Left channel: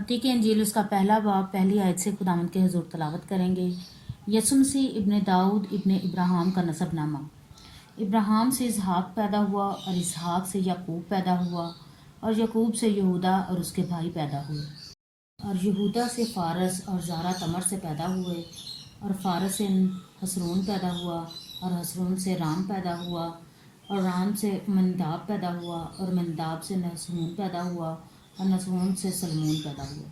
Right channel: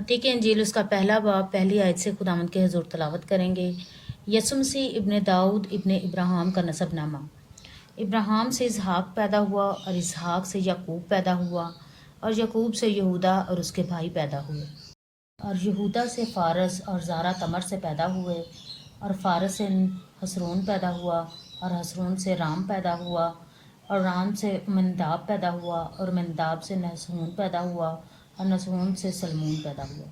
متی کی انجیل اس کا پہلا باب پہلی آیت سے خداوند کے حضور تلاوت کریں گے۔ یسوع مسیح ابن داؤد ابن ابراہیم کا نسب نامہ۔ ابراہیم سے اسحاق پیدا ہوا اور اسحاق سے یعقوب پیدا ہوا اور یعقوب سے یہودا اور اس کے بھائی پیدا ہوئے اور یہودا سے فارس اور زارا تمر سے پیدا ہوئے اور فارس سے حسرون پیدا ہوا اور حسرون سے رام پیدا ہوا اور رام سے منداب پیدا ہوا اور منداب سے نحسون پیدا ہوا اور نحسون سے سلمون پیدا ہوا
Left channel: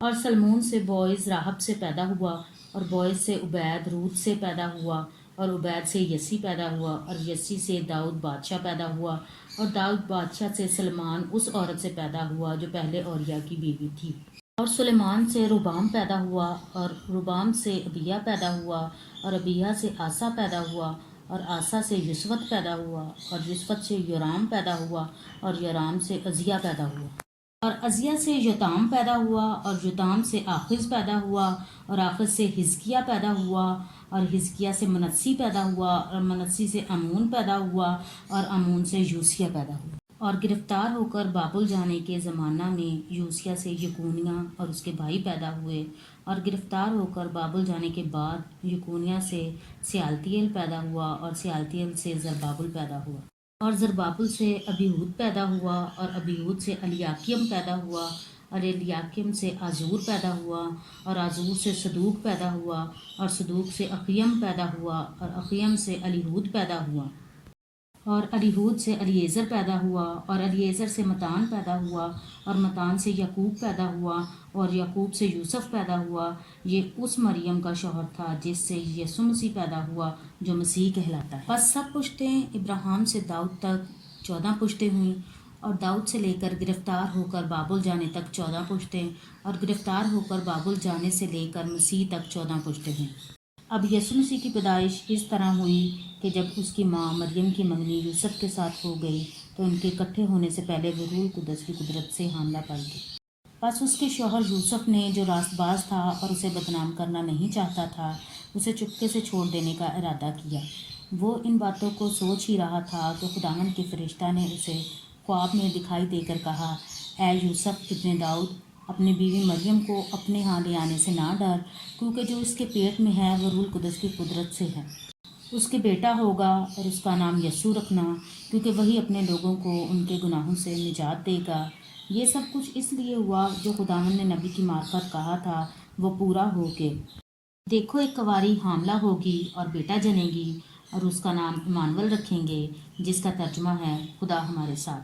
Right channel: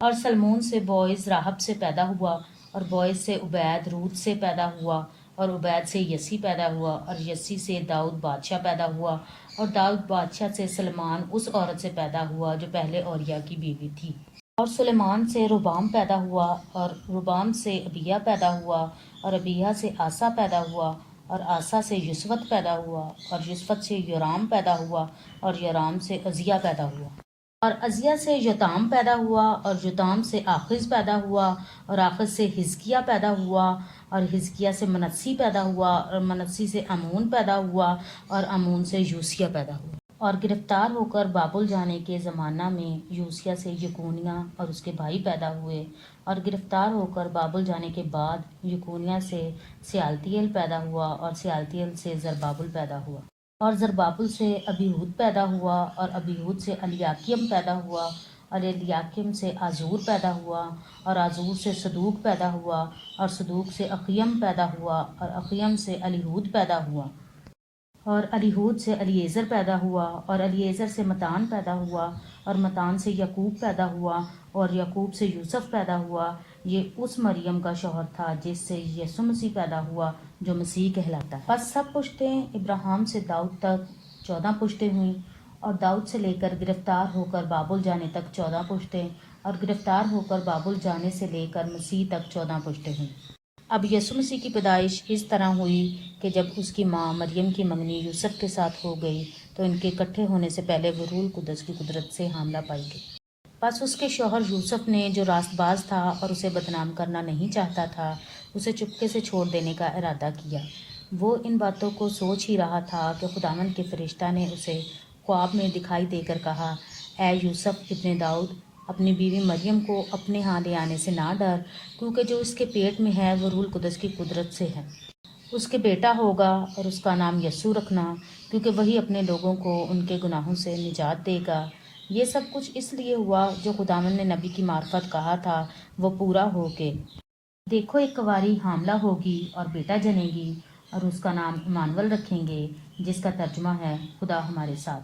اور سلمون سے بوئز راہب سے پیدا ہوا اور بوئز سے عبید روت سے پیدا ہوا اور عبید سے یسی پیدا ہوا اور یسی سے داؤد بادشاہ پیدا ہوا اور داؤد بادشاہ سے سلمان اس عورت سے پیدا ہوا جو پہلے اوریا کی بیوی تھی اور سلیمان سے ربام پیدا ہوا اور ربام سے ابیہ پیدا ہوا اور ابیہ سے آسا پیدا ہوا اور آسا سے یسوت پیدا ہوا اور یسوت سے یورام پیدا ہوا اور یورام سے عزیہ پیدا ہوا اور عزیہ سے یوتام پیدا ہوا اور یوتام سے آخز پیدا ہوا اور آخز سے حزقیہ پیدا ہوا اور حزقیہ سے منسی پیدا ہوا اور منسی سے امون پیدا ہوا اور امون سے یوسیہ پیدا ہوا اور گرفتار ہو کر بابل جانے کے زمانہ میں یوسیہ سے یکونیہ اور اس کے بھائی پیدا ہوئے اور گرفتار ہو کر بابل جانے کے بعد یکونیہ سے سیالتیل پیدا ہوا اور سیالتیل سے زربابل پیدا ہوا اور زربابل سے ابیہود پیدا ہوا اور ابیہود سے الیاکیم پیدا ہوا اور الیاکیم سے آزور پیدا ہوا اور آزور سے صدوق پیدا ہوا اور صدوق سے اقیم پیدا ہوا اور اقیم سے الیہود پیدا ہوا اور الیہود سے الیعزر پیدا ہوا اور الیعزر سے متان پیدا ہوا اور متان سے یعقوب پیدا ہوا اور یعقوب سے یوسف پیدا ہوا۔ یہ اس مریم کا شوہر تھا جس سے یسوع مسیح پیدا ہوا جو مسیح کہلاتا ہے۔ بس سب پشتیں ابراہیم سے داؤد تک 14 پشتیں ہوئیں اور داؤد سے لے کر گرفتار ہو کر بابل جانے تک 14 پشتیں اور گرفتار ہو کر بابل جانے سے لے کر مسیح تک 14 پشتیں ہوئیں۔ اب یسوع مسیح کی پیدائش اس طرح ہوئی کہ جب اس کی ماں مریم کی منگنی یوسف کے ساتھ ہو گئی تو ان کے اکٹھے ہونے سے پہلے وہ روح القدس کی قدرت سے حاملہ پائی گئی۔ بس اس کے شوہر یوسف نے جو راست باز تھا اور اسے بدنام کرنا نہیں چاہتا تھا اسے چپکے سے چھوڑ دینے کا ارادہ کیا۔ وہ ان باتوں کو سوچ ہی رہا تھا کہ خداوند کے فرشتہ نے اسے خواب میں دکھائی دے کر کہا، اے یوسف ابن داؤد، اپنی بیوی مریم کو اپنے ہاں لے آنے سے نہ ڈر، کیونکہ جو اس کے پیٹ میں ہے وہ روح القدس کی قدرت سے ہے۔ اس کے بیٹا ہوگا اور اس کا نام یسوع رکھنا، کیونکہ وہی اپنے لوگوں کو ان کے گناہوں سے نجات دے گا۔ یہ سب کچھ اس لیے ہوا جو خداوند نے نبی کی معرفت کہا تھا وہ پورا ہو کے دیکھو ایک کنواری حاملہ ہوگی اور بیٹا جنے گی اور اس کا نام ایمانویل رکھیں گے، جس کا ترجمہ ہے خدا ہمارے ساتھ۔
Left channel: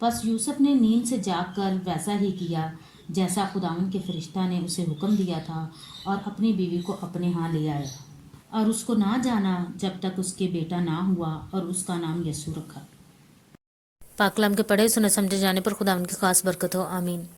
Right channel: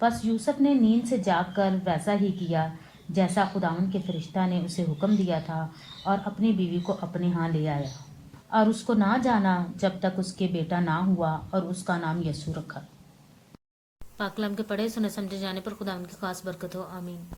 بس یوسف نے نیند سے جاگ کر ویسا ہی کیا جیسا خداوند کے فرشتہ نے اسے حکم دیا تھا اور اپنی بیوی کو اپنے ہاں لے آیا اور اس کو نہ جانا جب تک اس کے بیٹا نہ ہوا اور اس کا نام یسوع رکھا۔ پاک کلام کے پڑھے سنے سمجھے جانے پر خداوند کی خاص برکت ہو، آمین۔